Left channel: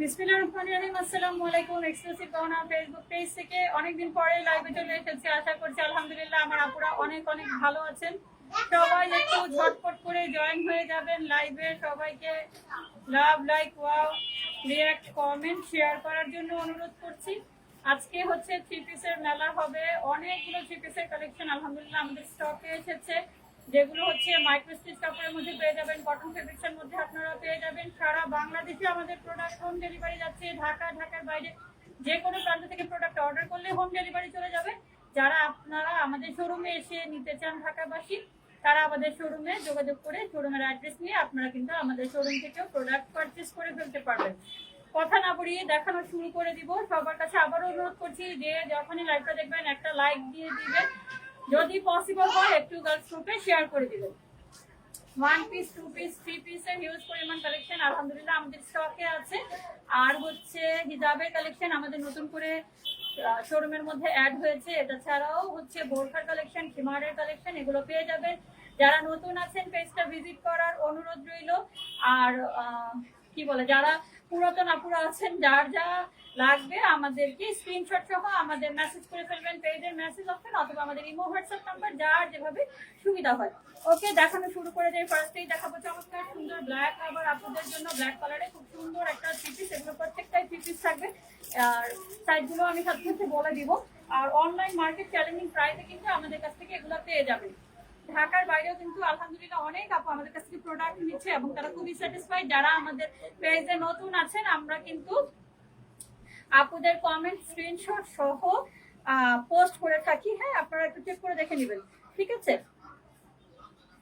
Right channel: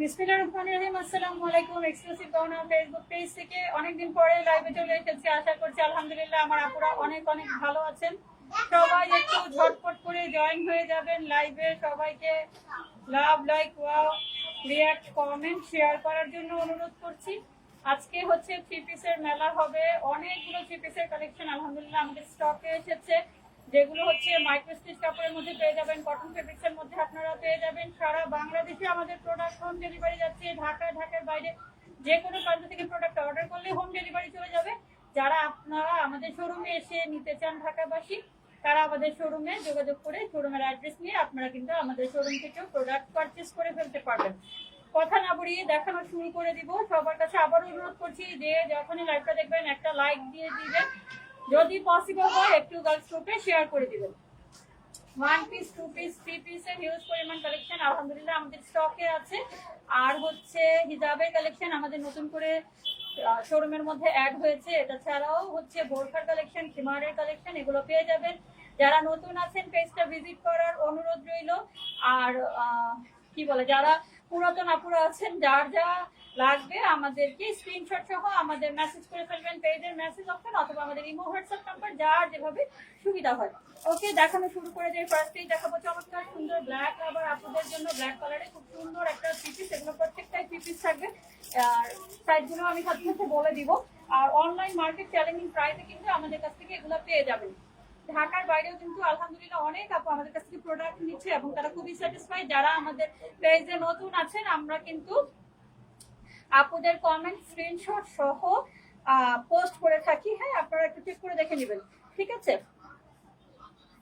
বিসমিল্লাহির রহমানির রহিম। আসসালামু আলাইকুম। এক্সক্লুসিভ পাওনা ফেসবুক পেজ থেকে অনেকদিন পরে লাইভে চলে এসেছি। আশা করছি আলহামদুলিল্লাহ আমার আপুরা অনেক অনেক ভালো আছেন। সবাই একটু ঝটপট করে জয়েন হয়ে যাবেন লাইভে। সবাইকে love, like, wow, react, comment, share করার জন্য অনুরোধ করছি। আজকে হচ্ছে থ্রি পিসের মেলা হবে। অনেকগুলো থ্রি পিসের কালেকশন আলহামদুলিল্লাহ আমাদের স্টকে এসেছে, যেগুলো হচ্ছে মাইক্রো স্টিচ কাপড়ের মধ্যে পেয়ে যাবেন, কটন ফেব্রিক্সের মধ্যে আপনারা পেয়ে যাবেন। সারা বাংলাদেশে আমাদের প্রোডাক্ট হোম ডেলিভারি যাচ্ছে। ঢাকার বাইরে যে কোনো প্রান্ত থেকে প্রোডাক্ট অর্ডার করলে হোম ডেলিভারি চলে যাবে। যারা আপনারা আমাদের শোরুমে এসে নিতে চান ঢাকাবাসী, তারা আমাদের শোরুমে যোগাযোগ করে শোরুমের অ্যাড্রেস নিয়ে আপনারা কিন্তু আমাদের শোরুম থেকেও প্রোডাক্ট পারচেস করে ফেলতে পারবেন। কথা না বলিয়ে দেখানো শুরু করে দিব। সবার কাছে আবারও অনুরোধ করছি যে যখনই লাইভটা দেখবেন একটা লাইক দিয়ে দিবেন, যদি পসিবল হয় একটু গার্লস গ্রুপে শেয়ার করে দিবেন। One piece, two piece, three পিসের হিউজ পরিমাণ কালেকশন আলহামদুলিল্লাহ আমাদের স্টকে আছে। আর হচ্ছে হিজাবের কালেকশন আমাদের নতুন করে শোরুমের মধ্যে অ্যাড হয়েছে। এটা ছাড়াও হচ্ছে বোরখার কালেকশন, খিমারের কালেকশন, এগুলো পেয়ে যাবেন। যারা নতুন আছেন পেজটা ভিজিট করার অনুরোধ রইল। আর কি বলে, যারা পুরাতন আপুরা আছেন, যার যা লাগবে আমাদেরকে স্ক্রিনশট সহ আমাদের মেসেজ করে ফেলবেন পেজের মেসেজ অপশন অথবা আমাদের ইমো হোয়াটসঅ্যাপ নাম্বার, যার যেভাবে সুবিধা হয়। ওকে, দেখানো শুরু করে যাই। ফার্স্টেই দেখাবো চমৎকার সুন্দর ব্ল্যাক, আবার আপনাদের জন্য ব্ল্যাক কালারে খুব সুন্দর একটা থ্রি পিস। এগুলো প্রত্যেকটাই থ্রি পিস থাকবে। আর সাইজগুলো আমি সাথে সাথে বলে দিব। আর অনলাইন মার্কেট চ্যালেঞ্জিং প্রাইসে কিন্তু আমাদের কাছ থেকে এগুলো পেয়ে যাবেন। ঢাকার বাইরেও কিন্তু আলহামদুলিল্লাহ অনেক আপু আমাদের কাছ থেকে প্রোডাক্ট নিচ্ছে এবং তারা খুবই স্যাটিসফাইড। যারা আমাদের পেজে নতুন আছেন, আমরা কিন্তু আপুদের কমেন্ট স্ক্রিনশট সহ পোস্ট করে থাকি। হ্যাঁ, আপনারা একটু চেক করে দেখে নেবেন, ঠিক আছে?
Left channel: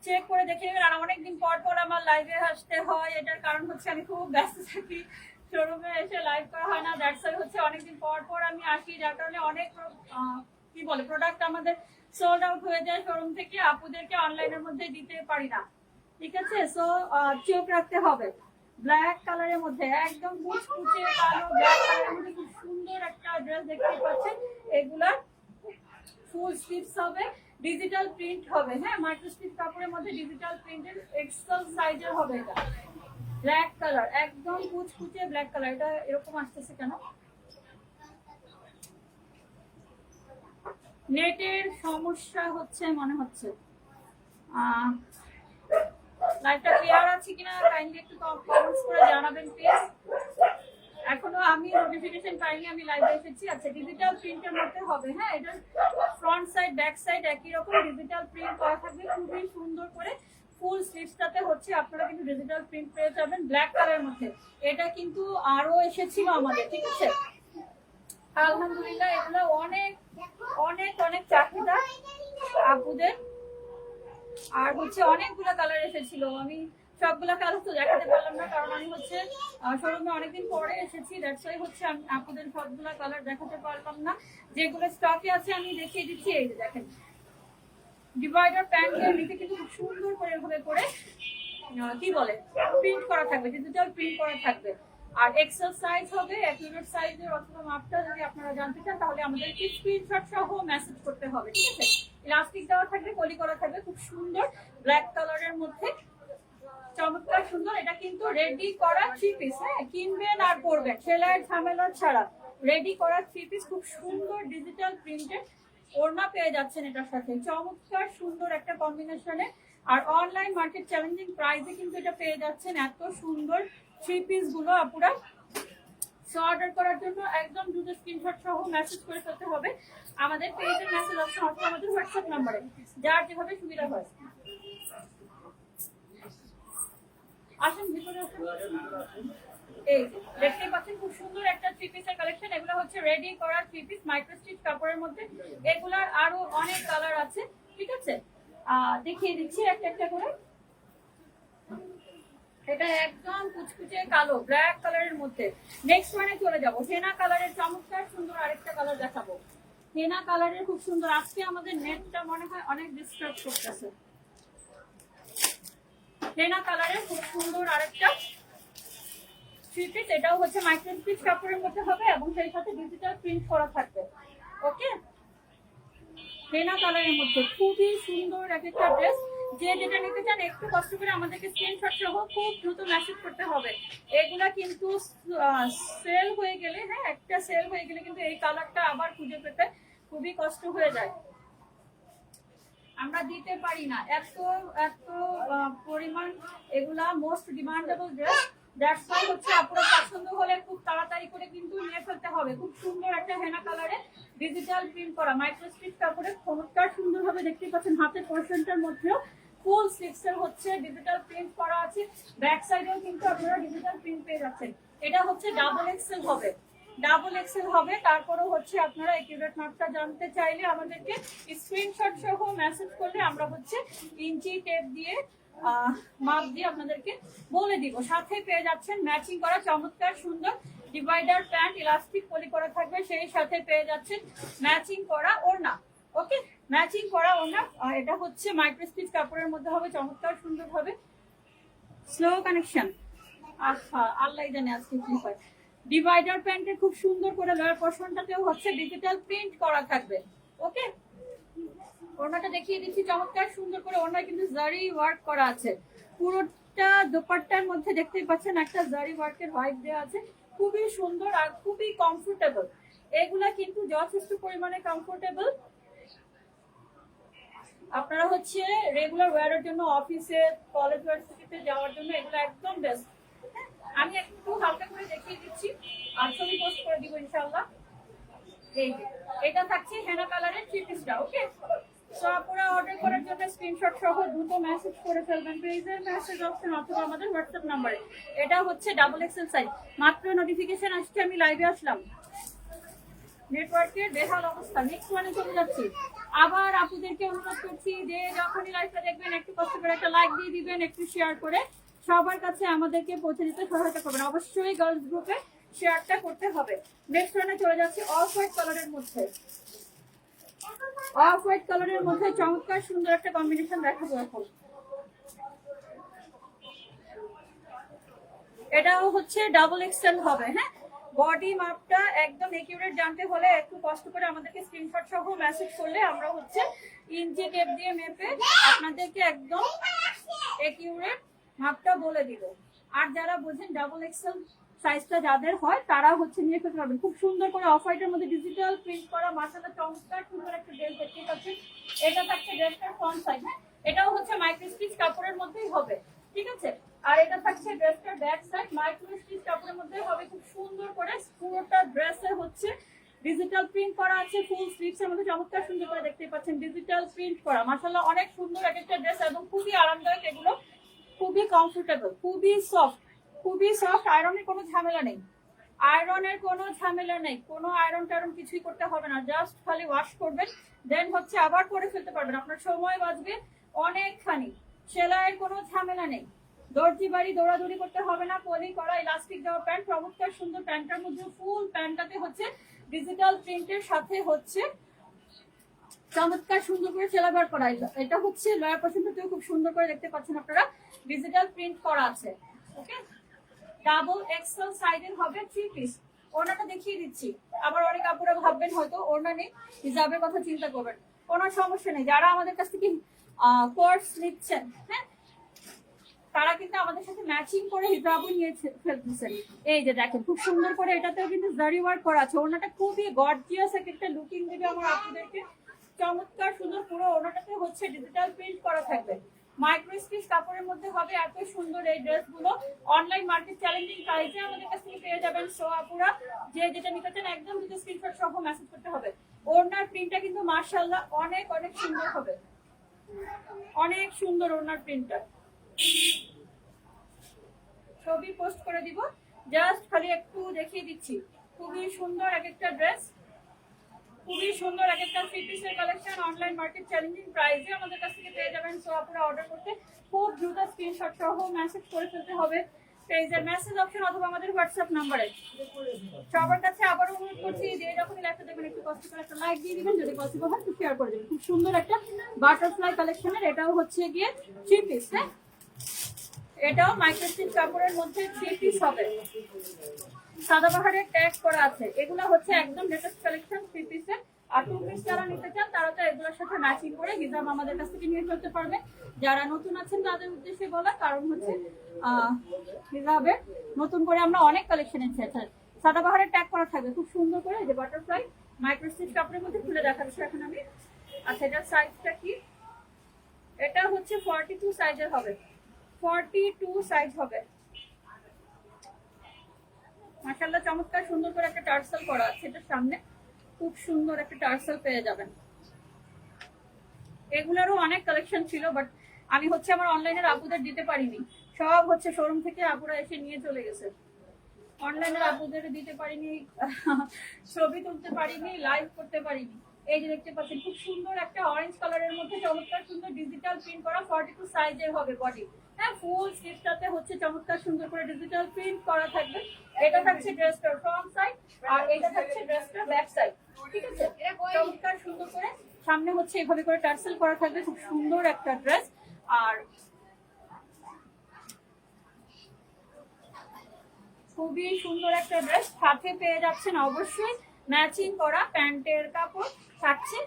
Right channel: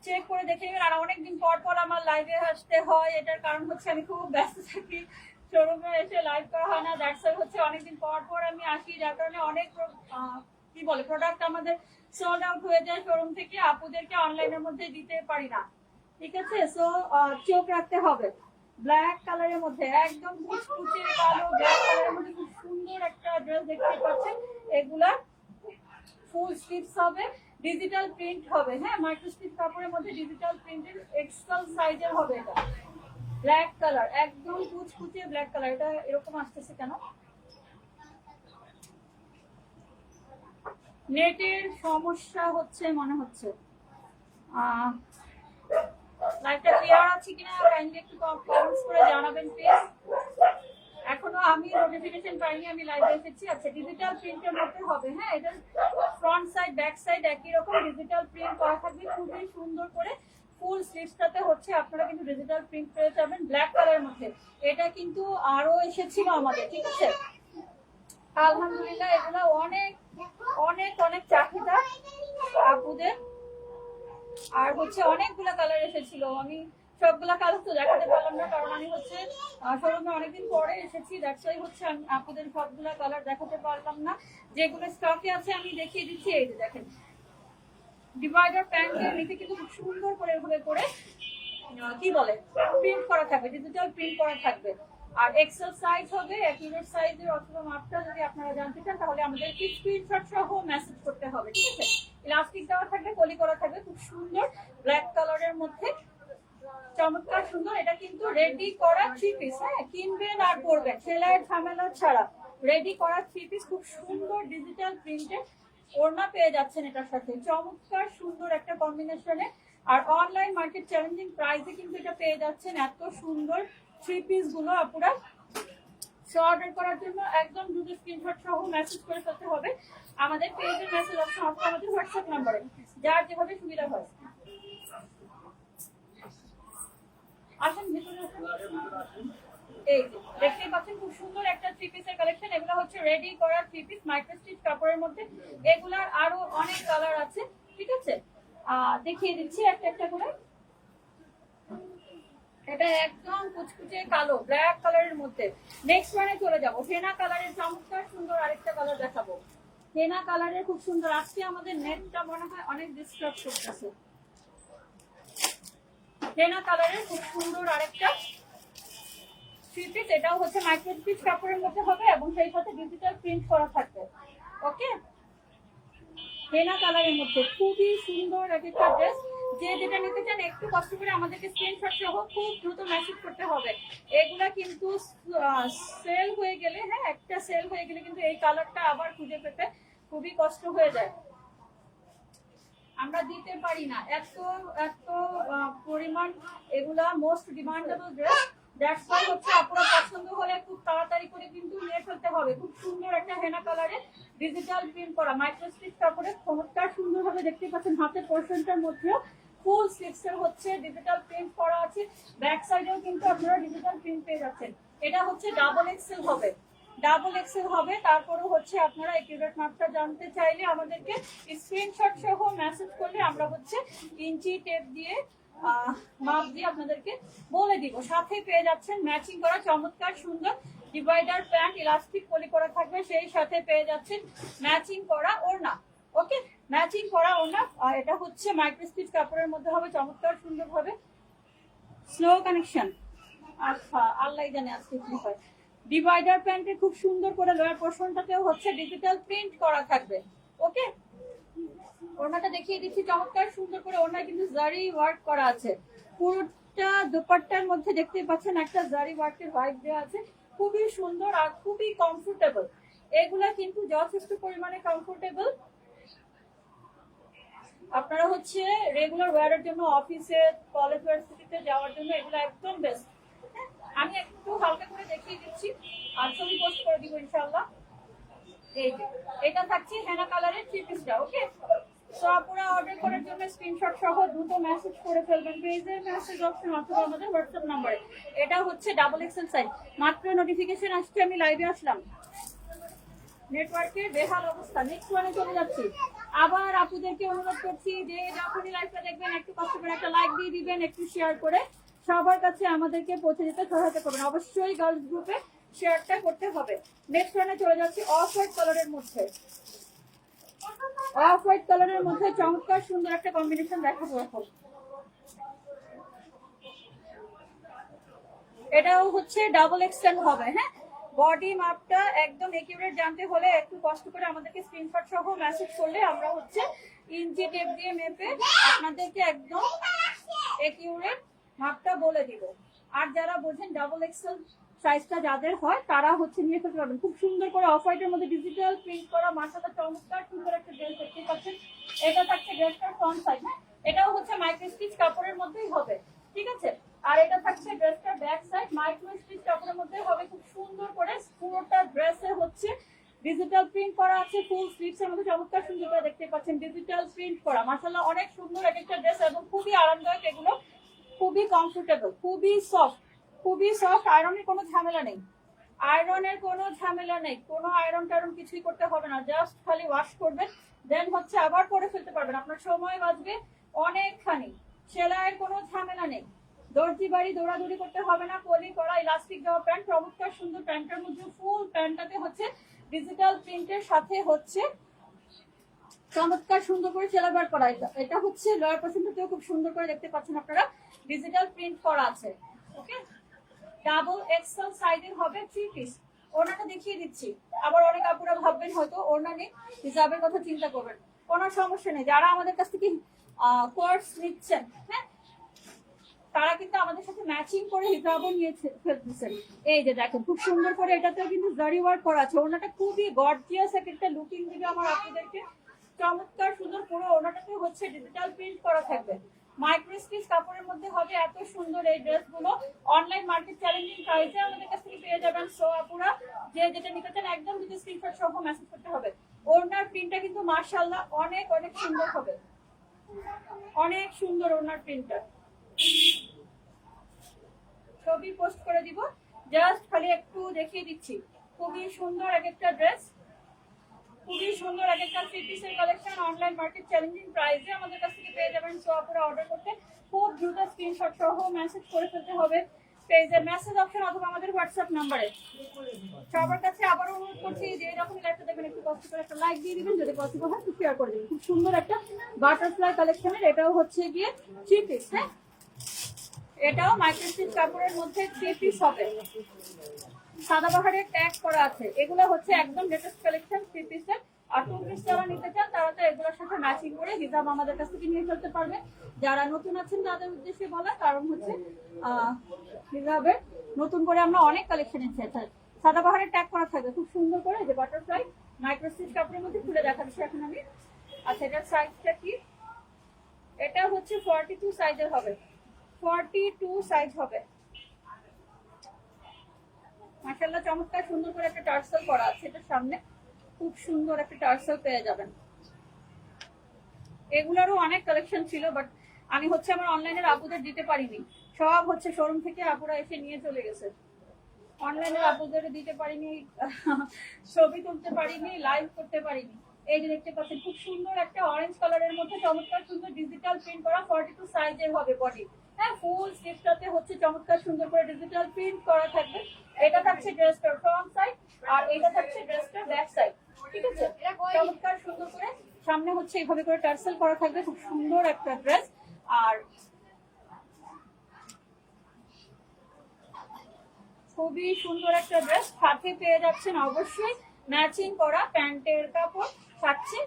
চেক করে দেখে নেবেন। আর অনেকদিন পর পর আমার লাইভে আসতে হয়, এটার কারণ হচ্ছে আমি খুব ব্যস্ত থাকি, শোরুমে এসে লাইভ করা হয় না। দ্যাটস ওয়াই হচ্ছে অনেকদিন পর পর আমি আসি, যার কারণে অনেক কি বলে প্রোডাক্ট আমাদের সোল্ড আউট হয়ে যায় শোরুম থেকে, আপুদেরকে অনলাইনের মধ্যে দিতে পারি না, ঠিক আছে? সো চোখ রাখতে হবে। ব্ল্যাক কালারের মধ্যে একদম মুচকুচে কালো ব্ল্যাক কালারের মধ্যে খুব সুন্দর একটা ড্রেস দেখতে পাচ্ছেন। এগুলা ফুল স্লিভস হবে, ডিজিটাল প্রিন্ট হবে। হ্যাঁ, মাইক্রো স্টিচ কাপড়ের মধ্যে ডিজিটাল প্রিন্টের এক্সেল সাইজের হবে। এটা ব্ল্যাক কালার, একদম কুচকুচে ব্ল্যাক কালার। এটা এরকম আসতেছে কেন? নেটের সমস্যা হচ্ছে মনে হচ্ছে। লাইভটা ক্লিয়ার আছে কিনা কাইন্ডলি একটু কমেন্টস করে জানাবেন প্লিজ। এখনো আমি নোটিফিকেশন পাইনি আমি লাইভে এসেছি। আচ্ছা, ডিজিটাল প্রিন্টের মধ্যে হবে। হ্যাঁ, এটা ফ্রন্ট সাইড ব্যাক সাইড একই রকম ডিজিটাল প্রিন্ট করা থাকবে, খুবই সুন্দর করে। ফুল স্লিভসটাতে হচ্ছে আপনারা কিন্তু ডিজিটাল প্রিন্ট পেয়ে যাবেন ব্ল্যাক কালারের মধ্যে। এটা কিন্তু আরো এসেছিল আমাদের, ঠিক আছে? আলহামদুলিল্লাহ এগুলো অনেক অনেক অনেক চাহিদা আপুদের। আর হচ্ছে অনেকগুলা কালার এসেছিল, আমি সবগুলা কালার তো দেখাতে পারলাম না, কারণ আমি হচ্ছে শোরুমে অনেকদিন পরে এসেছি। দ্যাটস ওয়াই হচ্ছে আমি আপনাদের সবগুলা কালার দেখাতে পারলাম না। যেগুলো স্টকে আছে আমি দেখিয়ে দিচ্ছি। এই যে দেখেন, ডিভাইডার প্যান্টের নিচে কিন্তু খুব সুন্দর করে এভাবে করে কি বলে প্রিন্ট করা থাকবে, ডিজিটাল প্রিন্ট করা থাকবে। আর এক্সেল সাইজ হবে, অ্যাকুরেট সাইজের অথবা মাপটা যদি আপনারা জানতে চান তাহলে আমাদেরকে স্ক্রিনশট সহ মেসেজ করতে হবে, ঠিক আছে? ইলাস্টিক দেওয়া থাকবে, কলি করা থাকবে, খুব সুন্দর ব্ল্যাক কালারের মধ্যে চমৎকার সুন্দর। এটা কিন্তু রেডি করা থ্রি পিস। হ্যাঁ, কিনবেন আর পরবেন, সেলাইয়ের ঝামেলা ছাড়া রেডি করা থ্রি পিস, খুব সুন্দর ডিজিটাল প্রিন্টের ওড়না পেয়ে যাচ্ছেন এটার সাথে। চমৎকার সুন্দর একটা কম্বিনেশনে। আর অনলাইন মার্কেট চ্যালেঞ্জিং প্রাইসে কিন্তু এটা পেয়ে যাচ্ছেন এত সুন্দর থ্রি পিস গুলো। আপুরা সো অর্ডার করার জন্য একদম দ্রুত স্ক্রিনশট সহ মেসেজ করে ফেলতে হবে আমাদের পেজের মেসেজ অপশন অথবা আমাদের হোয়াটসঅ্যাপ নাম্বারে, যার যেভাবে সুবিধা হয়। আসেন ভিতরে আসেন। এই দেখতেই পাচ্ছেন খুব সুন্দর একটা থ্রি পিসের কালেকশন। এগুলো হচ্ছে রেডি করা থ্রি পিস মাইক্রো স্টিচ কাপড়ের মধ্যে। এগুলার আরো অনেক কালার আছে, ঠিক আছে? দেখিয়ে দিচ্ছি একটা একটা করে। এটা একদম কুচকুচে কালো ব্ল্যাক কালারের মধ্যে। নেক্সট ওয়ানে চলে যাবো, হেনা কালারের চমৎকার সুন্দর আরেকটা কালার দেখাবো। হেনা কালারের খুব সুন্দর। আজকে আমাদের নেটটা মনে হয় অনেক ডিস্টার্ব করতেছে। হেনা কালারের খুব সুন্দর আরেকটা থ্রি পিস। এটাও হচ্ছে মাইক্রো স্টিচ কাপড়ের মধ্যে হবে এবং সেই সাথে ডিজিটাল প্রিন্ট করা থাকবে। ওকে, হেনা কালারের মধ্যে খুবই সুন্দর এক একটা ড্রেস। যে যেটা নিতে চান একটু কষ্ট করে আমাদেরকে স্ক্রিনশট সহ খুব দ্রুত মেসেজ করতে হবে। এগুলা কিন্তু সেল হয়ে গেলে, হ্যাঁ একটা সেল হয়ে গেলে কিন্তু এই কালারটা আবার খুঁজে পেতে খুবই কষ্ট হয়ে যায়, আমরা দিতে পারি না এত এত পরিমাণ। এগুলা most demandable dress, that's why হচ্ছে আপনার পছন্দ হলে খুব তাড়াতাড়ি করে কিন্তু নিয়ে ফেলতে হবে। খুব সুন্দর একটা হেনা কালারে ডিজিটাল প্রিন্ট করা মাইক্রোস্টিচ কাপড়ে চমৎকার সুন্দরভাবে দেখতে পাচ্ছেন। হাতের পোর্শনটার মধ্যেও ফুল স্লিভসের হচ্ছে ডিজিটাল প্রিন্ট করা আছে, ব্যাক সাইডেও কিন্তু আপনারা ডিজিটাল প্রিন্ট পেয়ে যাচ্ছেন। এটা হচ্ছে ডাবল এক্সেল হবে, ডাবল এক্সেল হবে। তারপরেও হচ্ছে আপনারা একিউরেট মাপটা জানতে চাইলে আমাদেরকে স্ক্রিনশট সহ মেসেজ করলে আমরা হচ্ছে ইঞ্চি টেপ দিয়ে মাপ দিয়ে আপনাদেরকে বলে দিব। সাথে পেয়ে যাচ্ছেন ম্যাচিং করা চমৎকার সুন্দর ডিভাইডার প্যান্ট, ইলাস্টিক পলি করা থাকবে, সেই সাথে পেয়ে যাচ্ছেন ম্যাচিং করা ওড়না। ওকে, ম্যাচিং করা ওড়না। এটা হচ্ছে মাইক্রোস্টিচ কাপড়ের মধ্যে হবে, চমৎকার সুন্দর হবে, স্লো কানেকশন। আচ্ছা, আল্লাহ জানে আজকে কি হয়। ডিভাইডার প্যান্টে খুব সুন্দর করে লোয়ার পোর্শনটাতেও হচ্ছে ডিজিটাল প্রিন্ট করা থাকবে। ওকে, ওড়নাটা দেখিয়ে দিচ্ছি চমৎকার সুন্দর করে। ওড়না কিন্তু জারি ওয়ার্ক করা আছে, পুরোটা দোপাট্টার মধ্যে দেখতে পাচ্ছেন একটা জারি ওয়ার্কের হোয়াইট দেওয়া আছে, খুবই সুন্দর আর খুবই কমফোর্টেবল। এগুলা কিন্তু যথেষ্ট পরিমাণে কমফোর্টেবল। আপনারা হচ্ছে রেগুলার ওয়্যারের জন্য, অফিসে, কলেজ, ভার্সিটিতে যাওয়ার জন্য এগুলো একদম বেস্ট। আমি একটু হালকা করে দেখিয়ে দিচ্ছি আর ছবি পোস্ট করে দিব ইনশাআল্লাহ। এই যে এটা থাকছে হেনা কালারের থ্রি পিসটা। ওকে, সো আপনারা অর্ডার করার জন্য স্ক্রিনশট সহ দ্রুত মেসেজ করে ফেলবেন পেজের মেসেজ অপশন অথবা আমাদের হোয়াটসঅ্যাপ নাম্বারে। এটা হচ্ছে ডাবল এক্সেল সাইজ। মাত্র নোটিফিকেশন আসছে, আমি লাইভে আসলাম, নেটওয়ার্কের বেহাল অবস্থা, নেক্সট মানে চলে যাচ্ছি। আবার আপনাদেরকে অনুরোধ করছি যে যখনই লাইভটা দেখবেন একটু কষ্ট করে একটা লাইক দিয়ে দিবেন, একটু শেয়ার করে সবার কাছে আমাদেরকে পৌঁছে দিতে সহায়তা করবেন। অবশ্যই গার্লস গ্রুপে শেয়ারটা করতে হবে। নেক্সট রানে চলে যাচ্ছি অফ হোয়াইট কালারের মধ্যে। অফ হোয়াইট কালারের মধ্যে চমৎকার সুন্দর একটা কম্বিনেশন দেখাবো এখন। এটাও হচ্ছে ডাবল এক্সেল হবে। হ্যাঁ, বডি মাপটা একদম একিউরেট জানতে হলে একটু কষ্ট করে আমাদেরকে স্ক্রিনশট সহ মেসেজ করলে আমরা হচ্ছে ইঞ্চি টেপ দিয়ে মেপে আপনাদেরকে একদম একিউরেট মাপটা বলে দিব। আর যারা বোঝেন ডাবল এক্সেল সাইজটা যাদের হয় তারা হচ্ছে নিয়ে ফেলতে পারবেন। খুব সুন্দর করে অফ হোয়াইটের মধ্যে ডিজিটাল প্রিন্ট করা মাশাআল্লাহ চমৎকার সুন্দর একটা ড্রেস দেখতে পাচ্ছেন। এটা থাকছে ড্রেসটার ফ্রন্ট সাইড। হ্যাঁ, এটাও হচ্ছে মাইক্রো স্টিচ কাপড়ের মধ্যেই হবে, ঠিক আছে। আর এটা থাকছে ড্রেসটার ব্যাক সাইড, মাইক্রো স্টিচ কাপড়ের মধ্যে হবে। খুব সুন্দর করে পুরোটা ড্রেসে হচ্ছে ডিজিটাল প্রিন্ট করা আছে, ফুল স্লিভস এর মধ্যে চমৎকার সুন্দর করে দেখতে পাচ্ছেন ডিজিটাল প্রিন্ট করা। মাশাআল্লাহ অনেক সুন্দর এক একটা ড্রেস এবং খুবই আরামদায়ক। এগুলো খুবই কমফোর্টেবল, খুবই সফট, খুবই সফট। আয়রনের কোনো ঝামেলা নেই, আয়রনের কোনো ঝামেলা নেই, কোনো আয়রন টায়রন কিছুই করতে হবে না। জাস্ট খালি ওয়াশ করবেন, দেন হচ্ছে আবার পরে ফেলতে পারবেন, আপনার সময় বাঁচবে অনেকখানি। সেলাইয়ের কোনো ঝামেলা নেই, দর্জি বাড়ি দৌড়াদৌড়ি করতে হবে না। পলি করা ইলাস্টিক দেওয়া প্যান্ট, চমৎকার সুন্দর। প্যান্টটার মধ্যে ফুল প্যান্টটাতে হচ্ছে ডিজিটাল প্রিন্টের সাথে হচ্ছে চমৎকার সুন্দর করে সেলাইবার করা। এটা হচ্ছে লয়ার পোর্শনটাতেও খুব সুন্দর করে দেখতে পাচ্ছেন আপনারা ডিজিটাল প্রিন্ট করা আছে। ওকে, ডাবল এক্সেল সাইজের হবে থ্রি পিস। ওড়নাটা দেখিয়ে দিচ্ছি। আবার অনেক আপুরা ভাববেন হয়তো ওড়না নেই, হিজাবের কথা চিন্তা করবেন, কোনো সমস্যা নেই। যারা আমাদের কাছ থেকে কোর্স নিচ্ছেন, হ্যাঁ, তারা কিন্তু আমাদের সাথে ম্যাচিং করে হিজাবও নিয়ে ফেলতেছেন। এই যে দেখেন খুব সুন্দর করে এটাতেও কিন্তু জারি ওয়ার্ক করা আছে। ওড়নাটা খুবই গর্জিয়াস একটা লুকিং দিবে আমার আপনাদেরকে, চমৎকার সুন্দর। পুরো ওড়নাটাতে হচ্ছে ডিজিটাল প্রিন্ট করা থাকবে, মাইক্রো স্টিচ কাপড়ের মধ্যে হবে। এত সুন্দর এই ড্রেসগুলো অনলাইন মার্কেট চ্যালেঞ্জিং প্রাইসে আমাদের কাছ থেকে পেয়ে যাবেন। সো আপুরা যে যেটা নিতে চান একদম দুটো স্ক্রিনশট সহ মেসেজ করতে হবে। ওড়নার প্রিন্টটা কিন্তু মাশাআল্লাহ অনেক অনেক সুন্দর হবে, অনেক সুন্দর ওড়নার প্রিন্টটা। ছবি পোস্ট করে দিব, জাস্ট খালি একটু দেখিয়ে দিচ্ছি। খুবই সুন্দর এক একটা ড্রেস, খুবই সুন্দর এক একটা থ্রি পিসের কালেকশন অনলাইন মার্কেট চ্যালেঞ্জিং প্রাইসে আমাদের কাছ থেকে পেয়ে যাবেন। সো আপনারা অর্ডার করতে খুব দ্রুত স্ক্রিনশট সহ মেসেজ করে ফেলতে হবে পেজের মেসেজ অপশন অথবা আমাদের হোয়াটসঅ্যাপ নাম্বারে। সবার কাছে আবারও অনুরোধ করছি যে যখনই লাইভটা দেখবেন একটু কষ্ট করে একটা লাইক দিয়ে দিবেন, যদি পসিবল হয় শেয়ার করে দেবেন। খুব সুন্দর একটা বাটারফ্লাই কালেকশনের, এটাও হচ্ছে গিয়ে থ্রি পিস। হ্যাঁ, এটাও মাইক্রোস্টিচ কাপড়ের মধ্যে থ্রি পিস হবে, সাদাবাহারের ট্যাগ করা আছে। এগুলো হচ্ছে একদম লেটেস্ট কালেকশন থ্রি পিসের আর 2 পিস যারা নিতে চান তারা তো এগুলোর সাথে ম্যাচিং করে হিজাব আমাদের কাছ থেকে নিয়ে ফেলতে পারবে। যারা নতুন আছেন তাদের উদ্দেশ্যে বলা, কারণ হচ্ছে হিজাবে নতুন করে আমরা অনেক কালেকশন এনেছি। সাদাবাহারের ট্যাগ করা থাকবে খুব সুন্দর করে, যে বাটারফ্লাই মাইক্রোস্টিচ কাপড়ের মধ্যে খুলে দেখাচ্ছি এখন আমি। আচ্ছা, এটার সাইজটা কি? এটা হচ্ছে 42 সাইজের হবে, 42 সাইজ হবে। মাশাআল্লাহ চমৎকার সুন্দর করে একটা টার্সেল করা আছে এটার সামনে, খুব সুন্দর একটা টার্সেল পেয়ে যাবেন। এগুলোরও অনেক কালেকশন ছিল, বাট আমি হচ্ছে আমার অনলাইনের আপুদের দিতে পারিনি, সব হচ্ছে শোরুম থেকে আপুরা এসে নিয়ে চলে গেছে। অনলাইনের আপুদের দিতে পারিনি, ছবি তুলতে পারিনি, লাইভ করতে পারিনি। এই যে দেখতে পাচ্ছেন খুব সুন্দর একটা অরেঞ্জ কালারের মধ্যে চমৎকার সুন্দর ডিজিটাল প্রিন্ট করা 42 সাইজের হবে বডি। হ্যাঁ, ফুল স্লিভসটাতে হচ্ছে চমৎকার সুন্দর করে ডিজিটাল প্রিন্ট করা থাকবে। এটা থাকছে ড্রেসটার ফ্রন্ট সাইড, আর এটা থাকছে ড্রেসটার ব্যাক সাইড। ঠিক আছে, চমৎকার সুন্দর করে সামনে হচ্ছে এভাবে করে টার্সেল করা থাকবে, খুব সুন্দর একটা ড্রেস। আর খুবই সুন্দর একটা ড্রেস, সাথে পেয়ে যাচ্ছেন অবশ্যই ম্যাচিং করা প্যান্টের কাপড় থাকছে,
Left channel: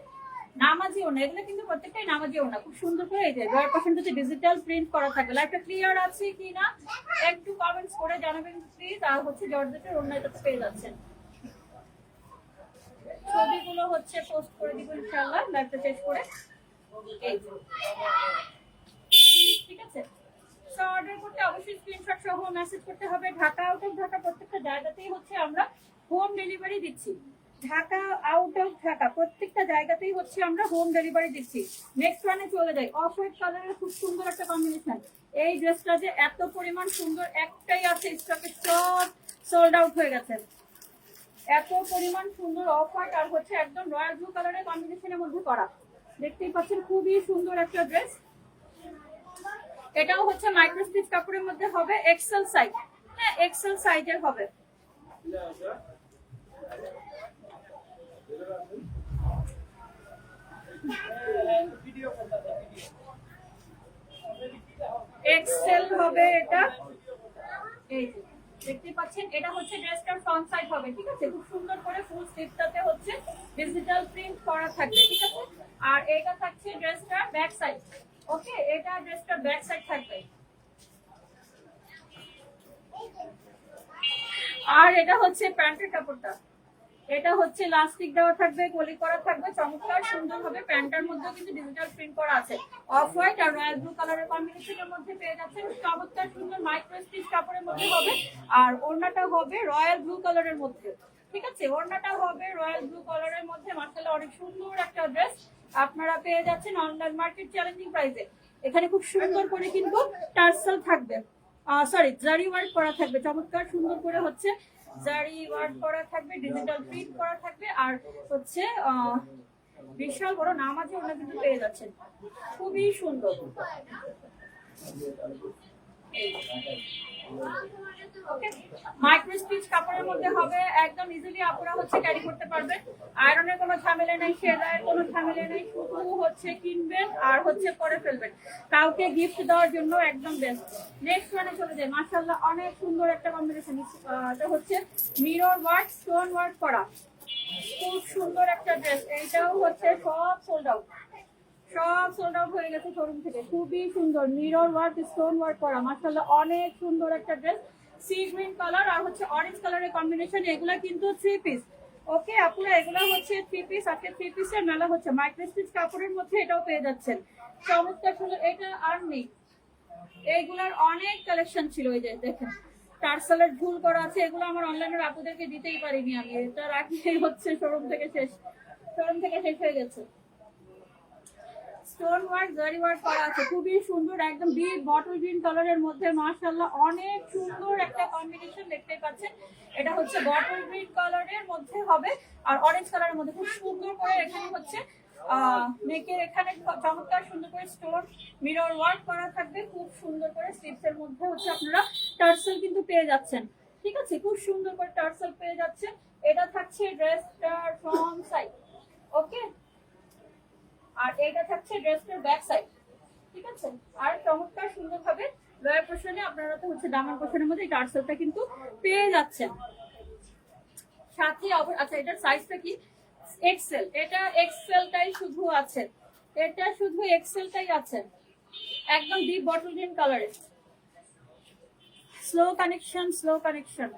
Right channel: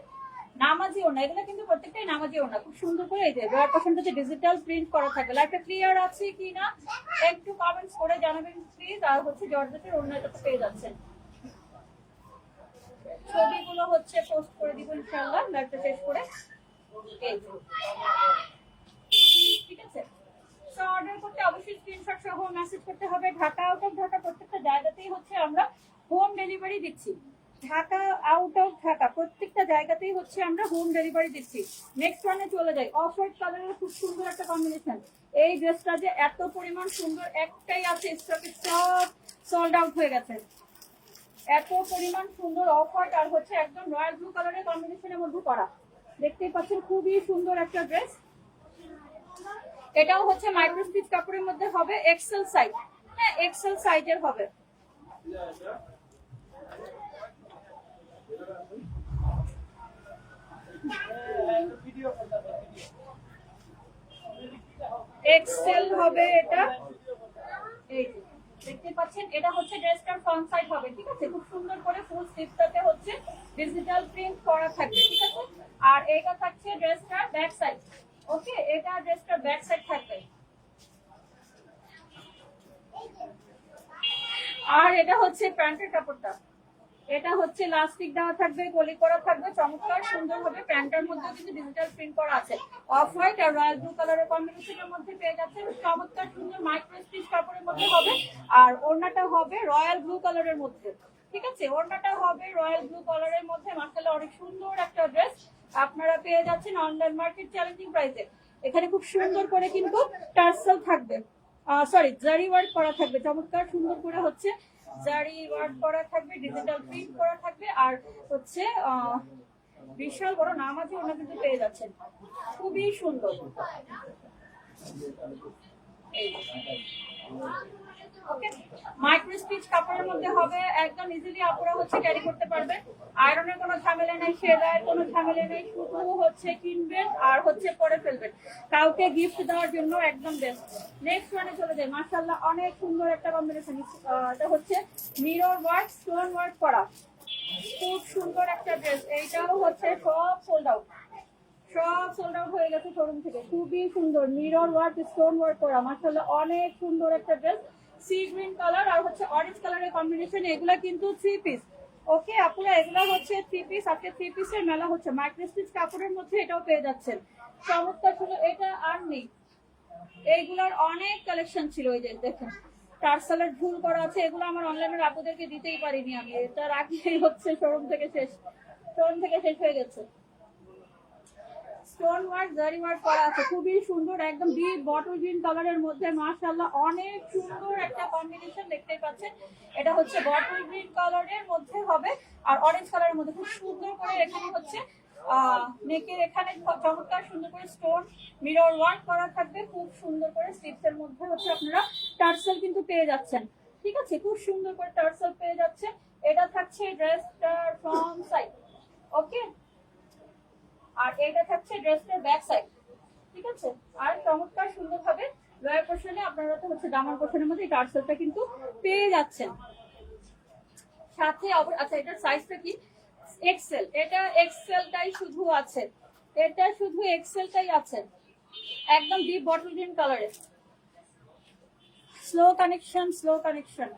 নামাজি ওড়না। এগুলো কিন্তু প্রত্যেকটাই নামাজি ওড়না, খুব সুন্দর করে এই যে লোয়ার পোর্শনটাতে ডিজিটাল প্রিন্ট করা থাকবে। লাইটটা ক্লিয়ার আছে কি না একটু কমেন্টস করে জানাবেন প্লিজ। আর হচ্ছে জর্জেটের ওড়না এটাতে পেয়ে যাচ্ছেন। ছবিগুলো হচ্ছে পোস্ট করে দিব ইনশাআল্লাহ লাইভটা শেষ করে। এই ঠিক আছে, সো অর্ডার করতে অবশ্যই স্ক্রিনশট সহ মেসেজ করতে হবে। ঢাকা আউট অফ ঢাকা প্রত্যেকটা জায়গাতেই হচ্ছে আমরা হোম ডেলিভারি দিচ্ছি। ঢাকা আউট অফ ঢাকা প্রত্যেকটা জায়গাতেই হচ্ছে আমরা হোম ডেলিভারি দিচ্ছি। নেক্সট ওয়ানে চলে যাই, অফ হোয়াইট কালারের খুব সুন্দর একটা কম্বিনেশন। এই ড্রেসটা যে এত পরিমাণ সুন্দর, একটাই আছে স্টকে, সব সোল্ড আউট হয়ে গেছে। এত পরিমাণ সুন্দর অফ হোয়াইট আর হচ্ছে একদম রয়্যাল ব্লু কালারের কম্বিনেশনের মধ্যে করা, দেখতেই পাচ্ছেন খুবই সুন্দর একটা ড্রেস। এটাও হচ্ছে মাইক্রোস্টিচ কাপড়ের মধ্যে হবে, এক্সেল সাইজ। হ্যাঁ, এক্সেল সাইজের হবে। এক্সেল হবে এটা, এই দেখতে পাচ্ছেন এটা হচ্ছে ড্রেসটার ফ্রন্ট সাইড হবে। ঠিক আছে, খুব সুন্দর করে ফুল স্লিভটাতে হচ্ছে ডিজিটাল প্রিন্ট করা থাকবে। ঠিক আছে, আর এটা থাকছে ড্রেসটার ব্যাক সাইড। ওকে, এটা ড্রেসটার ব্যাক সাইড থাকবে। আর এটা হচ্ছে প্যান্টের কাপড়টা, এটা হচ্ছে লাস্টিক দেওয়া থাকবে, কলি করা থাকবে, চমৎকার সুন্দর হবে। প্যান্টের মধ্যে কিন্তু ডিজিটাল প্রিন্ট করা আছে, অফ হোয়াইট আর রয়্যাল ব্লু কালারের কম্বিনেশনের মধ্যে পেয়ে যাচ্ছে। চমৎকার সুন্দর মাইক্রো স্টিচ কাপড়ের মধ্যে হবে, আর ওড়নাটা হবে রয়্যাল ব্লু কালারের মধ্যে। ঠিক আছে, ওড়নাটা হবে রয়্যাল ব্লু কালারের মধ্যে। মাশাআল্লাহ অনেক সুন্দর একটা ড্রেস আপনারা পেয়ে যাচ্ছেন অনলাইন মার্কেট চ্যালেঞ্জিং প্রাইসে। এখানে খুব সুন্দর করে কিন্তু টার্সেল থাকবে, সরি জারি ওয়ার্ক করা থাকবে, চমৎকার সুন্দর করে হচ্ছে জারি ওয়ার্ক করা থাকবে, ডিজিটাল প্রিন্ট করা থাকবে। আর হচ্ছে বিশাল বড় নামাজি ওনা কিন্তু পেয়ে যাচ্ছেন, খুবই সুন্দর। মাইক্রো স্টিচ কাপড়ের মধ্যে হবে, একদম ইজিলি আপনারা হচ্ছে ক্যারি করতে পারবেন। আয়রনের কোনো ঝামেলা নেই, সেলাইয়ের কোনো ঝামেলা নেই, শুধু হচ্ছে কিনবেন আর হচ্ছে পরে ফেলবেন, কাউকে গিফট দেওয়ার জন্য একদম বেস্ট। নেক্সট ওয়ানে চলে যায়, মাশাআল্লাহ অনেক সুন্দর একটা কম্বিনেশন। এটা হচ্ছে মিরর ওয়ার্ক, স্টোন ওয়ার্ক করা, খুব সুন্দর একটা ড্রেস। এইটাও হচ্ছে সব সোল্ড আউট, সব সোল্ড আউট হয়ে গেছে শোরুম থেকে। খুবই সুন্দর মিরর ওয়ার্ক, স্টোন ওয়ার্ক করা, মাশাআল্লাহ অনেক সুন্দর একটা ড্রেস। সি গ্রিন কালার আর হচ্ছে অরেঞ্জ কালারের কম্বিনেশন। এগুলা কিন্তু 3 পিস। ওকে আপুরা, এগুলা হচ্ছে 3 পিস। আজকে 3 পিসের মেলা হচ্ছে। মাইক্রো স্টিচ কাপড়ের মধ্যে এটাও পেয়ে যাচ্ছেন, চমৎকার সুন্দর। এটা আর নেই, এইগুলার অনেক কালেকশন ছিল। এই যে দেখেন টার্সেলের ঝুল করা আছে, এগুলো আমার অনলাইনের আপুদেরকে দিতেই পারিনি আমি, এটা রাখলেই হচ্ছে শোরুম থেকে শেষ হয়ে গেছে। স্টোন ওয়ার্ক, জারি ওয়ার্ক করা আছে, খুবই সুন্দর, একদম ডিপ বটল গ্রিন কালারের মধ্যে। মাশাআল্লাহ অনেক সুন্দর একটা কম্বিনেশন দেখতে পাচ্ছেন। এটা হচ্ছে বটল গ্রিন কালারের মধ্যে হবে আর অরেঞ্জ কালারের মধ্যে, খুব সুন্দর করে এখানে হচ্ছে নেকের এখানে চমৎকার সুন্দর করে স্টোন মিরর ওয়ার্ক করা থাকবে, খুব সুন্দর করে স্লিভসের মধ্যে হচ্ছে আপনারা টার্সেল কিন্তু পেয়ে যাচ্ছেন। ঠিক আছে, খুব সুন্দর করে টার্সেল পেয়ে যাচ্ছেন। এটা থাকছে ড্রেসটার ফ্রন্ট সাইড। ওকে, আর এটা থাকছে ড্রেসটার ব্যাক সাইড। ঠিক আছে, আর চমৎকার সুন্দরভাবে লয়ার পোর্শনে আপনারা তো হচ্ছে দামার পোর্শনের মধ্যে এই টার্সেলটা কিন্তু পেয়ে যাচ্ছেন সাথে। আচ্ছা, এটার সাইজটা কি? এক্সেল, এটা এক্সেলটাই শুধু আছে, এটা শুধু এক্সেলটাই আছে, একদম ডিপ বটল গ্রিন কালারে। Slow connection, slow connection.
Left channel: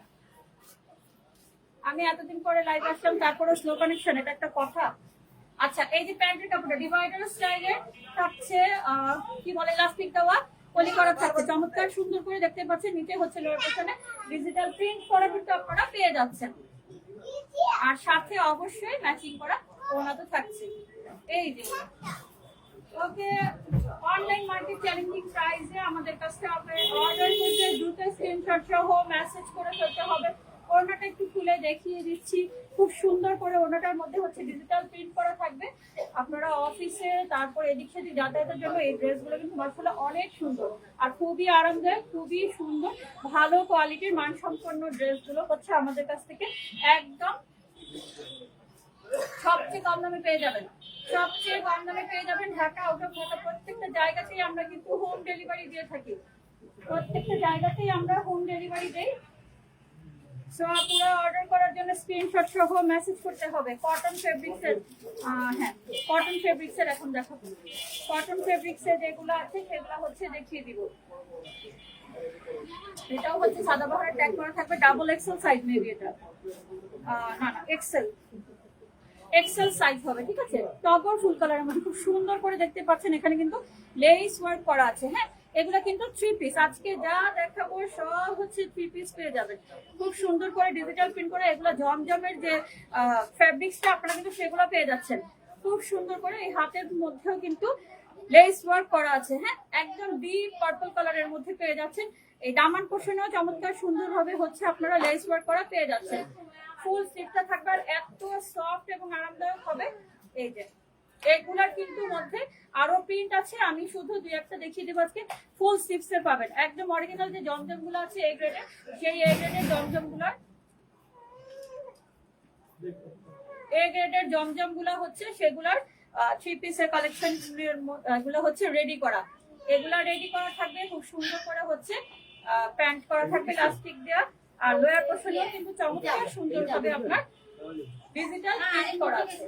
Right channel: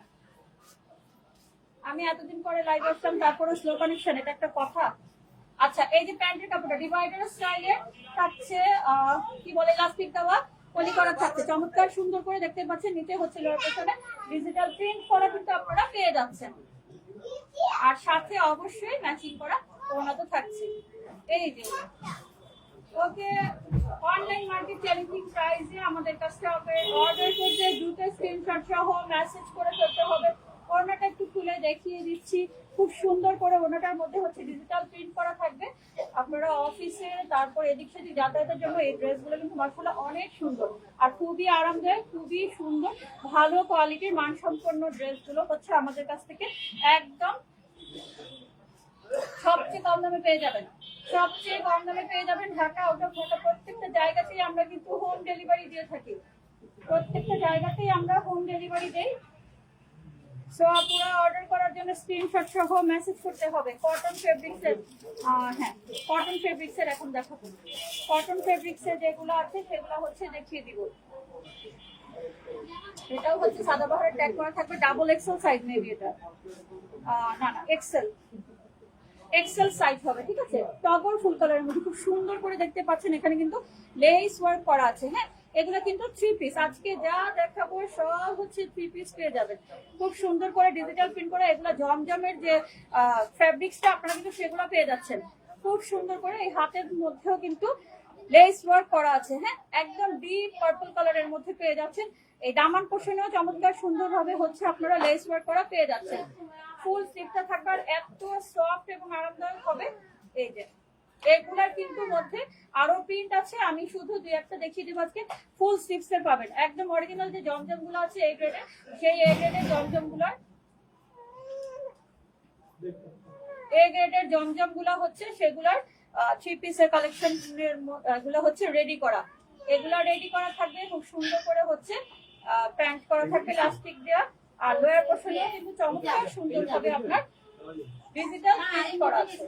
আমি এতদিন পরে লাইভ আসলাম, তারপরে স্লো কানেকশন, এটা একটা কথা? আচ্ছা, এই যে প্যান্টের কাপড়টা ডিভাইডার স্টাইলে থাকছে, কি বলে, ইলাস্টিক দেওয়া, পলি করা থাকছে, চমৎকার সুন্দর করে দেখতে পাচ্ছেন। নিচে হচ্ছে লোয়ার পোর্শনে ডিজিটাল প্রিন্ট করা কিন্তু আপনারা পেয়ে যাচ্ছেন, আর সাথে অবশ্যই ম্যাচিং করা ওনা তো থাকছে। এই যে ওকে, অনলাইন মার্কেট চ্যালেঞ্জিং প্রাইসে আমাদের কাছে হবে। অর্ডার করতে দ্রুত স্ক্রিনশট সহ মেসেজ করে ফেলতে হবে। ওনাটা একটু খুলে দেখিয়ে দিচ্ছি, খুব সুন্দর করে ওনাটার মধ্যে হচ্ছে ডিজিটাল প্রিন্ট করা থাকবে। আপনারা অফিসে তারপর এদিক সেদিক যাতায়াতের জন্য এই ড্রেসগুলো কিন্তু মাশাআল্লাহ অনেক সুন্দর আর খুবই আরামদায়ক, খুবই সুন্দর, ভালো কোয়ালিটির মানসম্পন্ন ড্রেসগুলো হচ্ছে আমাদের কাছ থেকে একদম সবচেয়ে কম দামে পেয়ে যাবেন। সবচেয়ে কম দামে পেয়ে যাবেন ঢাকা, আউট অফ ঢাকা প্রত্যেকটা জায়গাতেই আমরা কিন্তু হোম ডেলিভারি দিয়ে থাকি, প্রত্যেকটা জায়গাতেই আমরা হোম ডেলিভারি দেই। সো আপনারা অর্ডার করার জন্য স্ক্রিনশট সহ মেসেজ করতে হবে। কটন ফেব্রিক্সের, হ্যাঁ কটন ফেব্রিক্সের এখন দেখাবো। কটন ফেব্রিক্সের যেগুলো আছে সেগুলো হচ্ছে দেখিয়ে দিব। এটাও হচ্ছে সাদাবাহারের ট্যাগ করা থাকবে, ডাবল এক্সেল সাইজ মেবি এটা, না না এক্সেল, এক্সেল সাইজ হবে, ঠিক আছে। টগর ফুল কালারের মধ্যে খুব সুন্দর করে দেখতে পাচ্ছেন, এখানে কিন্তু লেস ওয়ার্ক করা আছে। হ্যাঁ, এগুলো কিন্তু 3 পিস, আজকে যা দেখাবো সব হচ্ছে 3 পিস পেয়ে যাবেন, খুব সুন্দর করে ডিজিটাল প্রিন্ট করে। এগুলো জমজমের যে ফ্যাব্রিক্সটা আপনারা কিন্তু সেগুলো পেয়ে যাচ্ছেন খুব সুন্দর করে। এই হাতের মধ্যেও কিন্তু লেস ওয়ার্ক করা আছে। হ্যাঁ, একদম ডিপ পার্পল কালারের মধ্যে পেয়ে যাচ্ছেন। এই দামান পোর্শনেও চমৎকার সুন্দর ভাবে হচ্ছে আপনারা লেস ওয়ার্ক করা পেয়ে যাচ্ছেন। ফুল স্লিভটা থাকবে আর এত সফট এবং আরামদায়ক হবে। এই যে এগুলার কিন্তু মধ্যে আরো প্রিন্ট আছে, আমি শুধু দুই একটা দেখিয়ে দেবো আজকে। ফুল স্লিভস এর পাবেন একদম অরিজিনাল যে জমজম গুলো আছে এই গ্রেডে, সেই এ গ্রেডের জমজম গুলার, এ গ্রেডের জমজম গুলা হচ্ছে সেগুলার 3 পিসের কালেকশন গুলো হচ্ছে রেডি করা। এগুলা রেডি করা থাকবে, খুব সুন্দর করে হচ্ছে প্যান্ট করা থাকবে ইলাস্টিক দেওয়া, আর লোয়ার পোর্শনেও কিন্তু চমৎকার সুন্দর ভাবে আপনার ডিজিটাল প্রিন্ট করা আছে,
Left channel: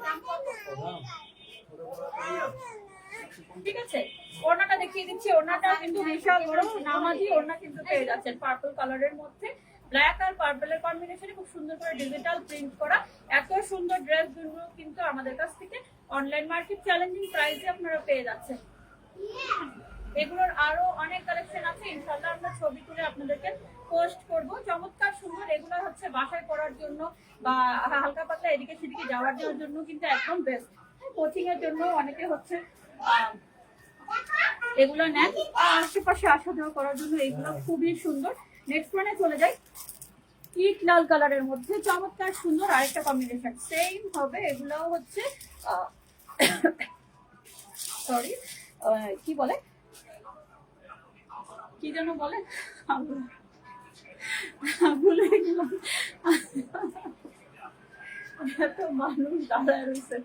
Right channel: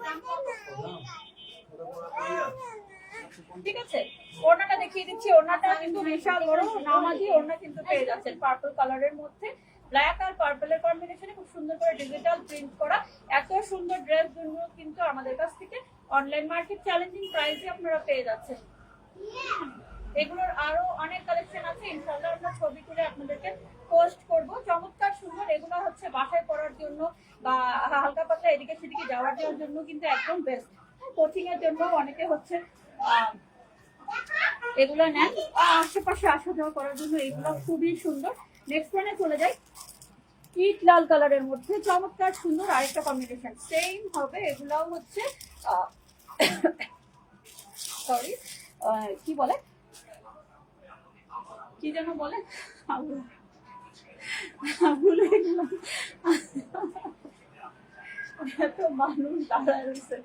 ঠিক আছে। ওড়নাটা দেখিয়ে দিচ্ছি, ওড়নাটা কিন্তু বিশাল বড় নামাজি ওড়না কিন্তু পেয়ে যাচ্ছেন পার্পল কালারের মধ্যে, ব্ল্যাক আর পার্পলের কম্বিনেশনে খুব সুন্দর করে ডিজিটাল প্রিন্ট করা। এত সুন্দর ড্রেস গুলো কিন্তু আমাদের কাছ থেকে অনলাইন মার্কেট চ্যালেঞ্জিং প্রাইসে আপনারা পেয়ে যাচ্ছেন। এগুলোর আরো অনেক কালেকশন আছে, ইনশাআল্লাহ আমরা ছবি তুলে আপনাদেরকে পোস্ট করব। চমৎকার সুন্দর, এগুলো হচ্ছে বাসায় পরার জন্য বা হালকা পাতলা এদিকে সেদিকে যাওয়ার জন্য কিন্তু একদম বেস্ট। কোচিং এর জন্য অনেকে হচ্ছে এগুলো নেন, আশেপাশে আসা যাওয়া করার জন্য এগুলো খুবই সুন্দর। নেক্সট ওয়ানে চলে যাই, ইট লাল কালারের মধ্যে চমৎকার সুন্দর আরেকটা কম্বিনেশন, সেম হবে। এগুলাও হচ্ছে সরি কি বলে, কি যেন বলে, ভুলে গেলাম, এত মানুষ দাঁড়ায় রয়েছে,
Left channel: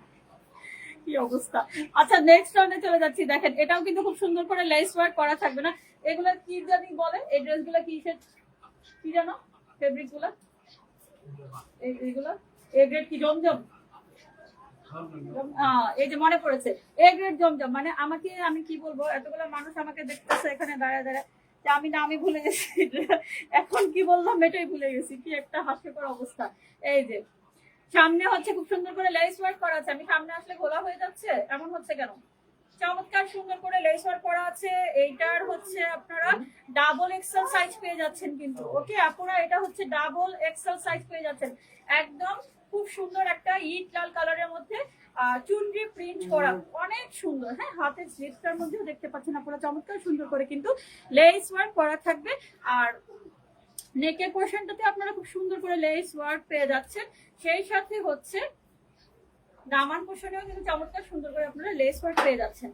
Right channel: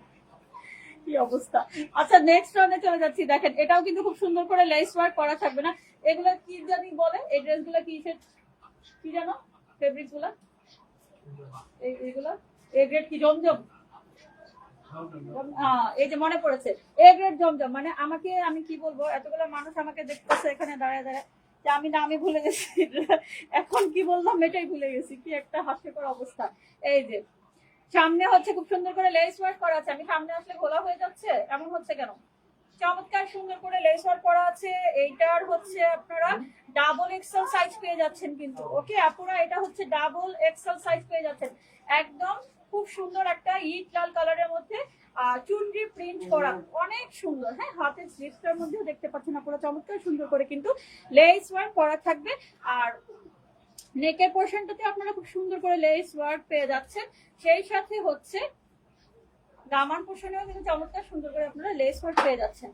কি অবস্থা। আচ্ছা নেক্সট রাউন্ডে চলে যাচ্ছি। দেখেন এটাও কিন্তু খুব সুন্দর করে লেস ওয়ার্ক করা থাকবে না, এগুলা কি জানি বলে, এই ড্রেসগুলা কি জানো ফেব্রিক গুলা, এইগুলা এ গ্রেড কি জমজম, এই যে মনে পড়েছে এ গ্রেড জমজম। মানে আমাকে, আমি কি বলবো, এতগুলো মানুষ আমাকে দেখতেছে এখানে দাঁড়ায় দাঁড়ায়, যে আমি নামই ভুলে গেছি, এখন কি বললাম এটাই ভুলে গেছি, কি একটা হাস্যকর অবস্থা। এই যে সামনে হচ্ছে খুব সুন্দর করে লেস ওয়ার্ক করা আছে, আমি সামনে আসলে ঘোলা হয়ে যাচ্ছে, এমন হচ্ছে কেন? চমৎকার সুন্দর করে লেস ওয়ার্ক করা আছে। এইটার হচ্ছে আপনারা ডাবল এক্সেল সাইজ পেয়ে যাচ্ছেন কিন্তু, ওকে আপুরা, এটা হচ্ছে ডাবল এক্সেল সাইজ পেয়ে যাচ্ছেন একদম। খুব সুন্দর একটা ইট লাল কালারের মধ্যে চুনরি প্রিন্ট করা, অনেক সুন্দর। হ্যাঁ, হাতের স্লিভসটার মধ্যেও দেখতে পাচ্ছেন আপনারা চমৎকার সুন্দর করে কিন্তু লেস ওয়ার্ক করা থাকবে। আর নেকের পোর্শনটাতে আপনারা খুব সুন্দর করে লেস ওয়ার্ক পেয়ে যাচ্ছেন, সেই সাথে হচ্ছে দামান পোর্শনেও কিন্তু চমৎকার সুন্দর করে আপনারা লেস ওয়ার্ক পেয়ে যাচ্ছেন,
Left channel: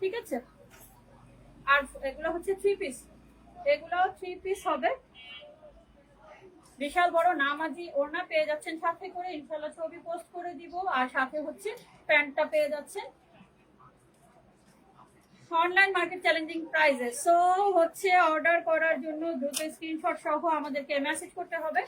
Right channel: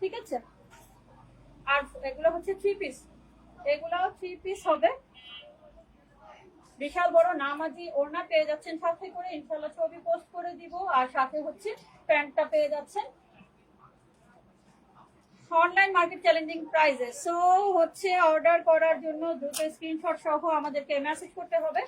ঠিক আছে। আর এগুলো হচ্ছে 3 পিস, এগুলাও 3 পিস হবে, বিশাল বড় নামাজি ওড়না পেয়ে যাচ্ছেন সাথে করে, ইনশাআল্লাহ ছবি পোস্ট করে দিব। আর সাথে হচ্ছে প্যান্টটা পেয়ে যাচ্ছেন অনলাইন মার্কেট চ্যালেঞ্জিং প্রাইসে। সো হচ্ছে অর্ডার করার জন্য দ্রুত স্ক্রিনশট সহ আমাদেরকে মেসেজ করতে হবে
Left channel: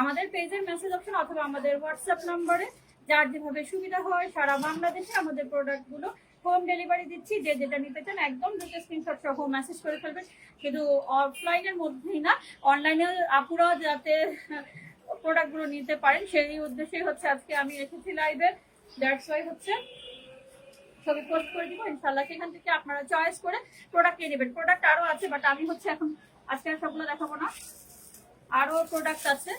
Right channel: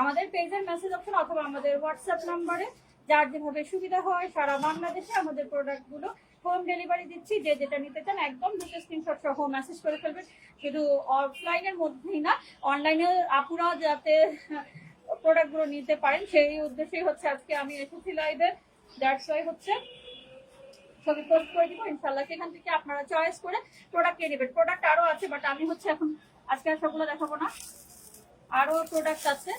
আমাদের পেজের মেসেজ অপশন অথবা আমাদের হোয়াটসঅ্যাপ নাম্বারে। যার যেভাবে সুবিধা হয় সারা বাংলাদেশে আমাদের প্রোডাক্টগুলো হোম ডেলিভারি দিচ্ছি। যে যেটা নিতে চান একদম দুটো স্ক্রিনশট সহ মেসেজ করে ফেলবেন। শুধু অফলাইনের মধ্যেই না, অনলাইনে আপুরাও যাতে প্রোডাক্টগুলো নিতে পারেন সেই উদ্দেশ্যেই হচ্ছে আজকে আমি এসেছি লাইভে। দ্যাটস ওয়াই হচ্ছে ছবি পোস্ট করে দিব ইনশাল্লাহ, সেখান থেকে আপনারা চয়েস করে প্রোডাক্ট নিয়ে নেবেন। প্রোডাক্ট আরও আছে, বাট আমি হচ্ছে এখন আজকে আর সবগুলো দেখাবো না, আরও প্রোডাক্ট আছে,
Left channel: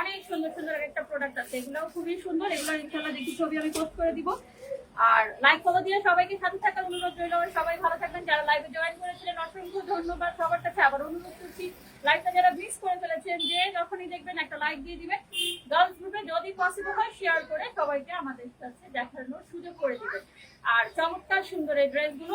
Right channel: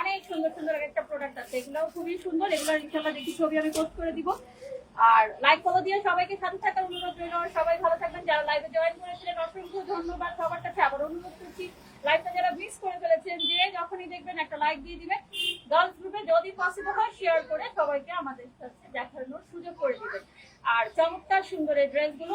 অনেক সুন্দর সুন্দর একটা প্রোডাক্ট আছে, এগুলোও খুবই সুন্দর। এগুলো ইনশাল্লাহ দেখি ছবি আমি পোস্ট করে দিব। আর লাইক ফলো দিয়ে সবাইকে সাথে থাকার অনুরোধ রইল। সবাই ভালো থাকবেন। যারা লাইভে জয়েন করেছিলেন অসংখ্য ধন্যবাদ সবার কাছে। আবার অনুরোধ করছি, লাইভটা যারা মিস করে ফেলেছেন যে যখনই দেখবেন একটা লাইক দিয়ে দিবেন। গার্লস গ্রুপে যদি পসিবল হয় শেয়ার করে সবাইকে আমাদের সাথে দেখানোর সুযোগ করে দিবেন। আর চমৎকার সুন্দর এই ড্রেসগুলো